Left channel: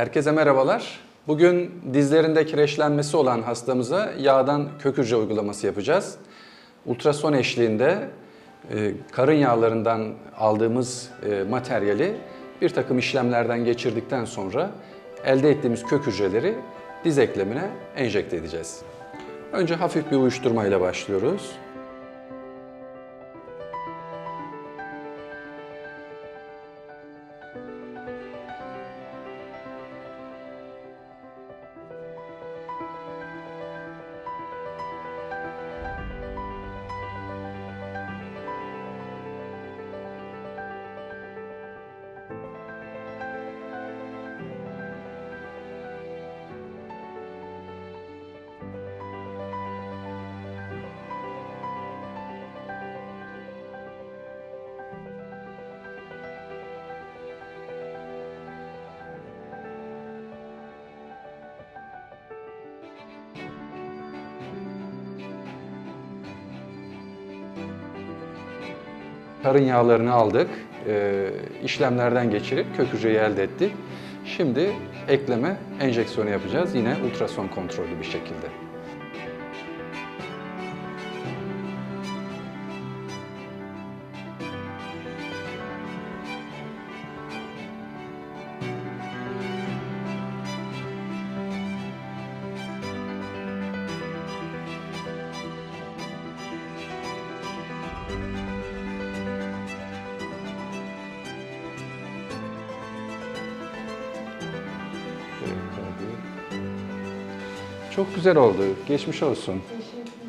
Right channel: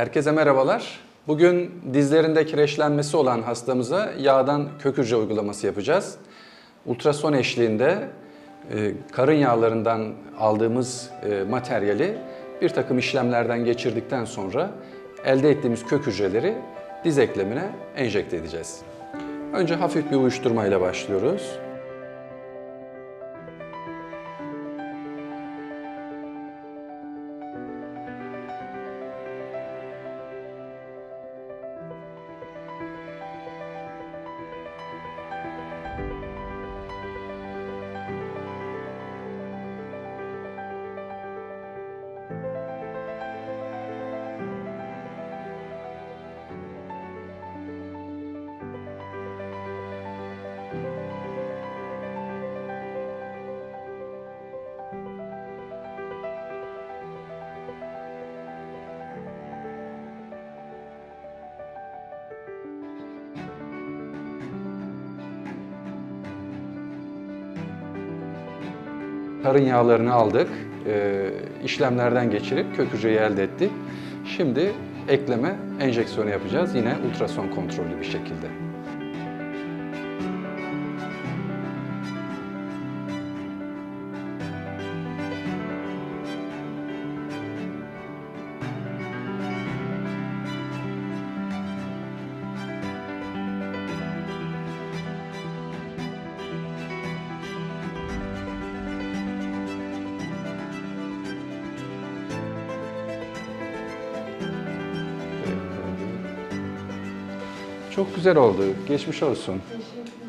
Herkese merhabalar. Bugün dizlerinde kireçlenmesi olan hastamıza yağdan kök hücre uygulaması yapacağız. Ultrason eşliğinde e, karın yağlarından aldığımız e, materyali bir takım işlemlerden geçirdikten sonra elde ettiğimiz kök hücreleri diz eklemine enjekte edeceğiz. Önce hafif bir uyuşturmayla başlıyoruz. Karın yağlarını aldık, e, işlemlerden geçirip kök hücreyi elde ettik. Şimdi ekleme enjeksiyonu yapacağız yine ultrason kontrollü bir şekilde. Çok güzel oldu. Geçmiş olsun. Teşekkür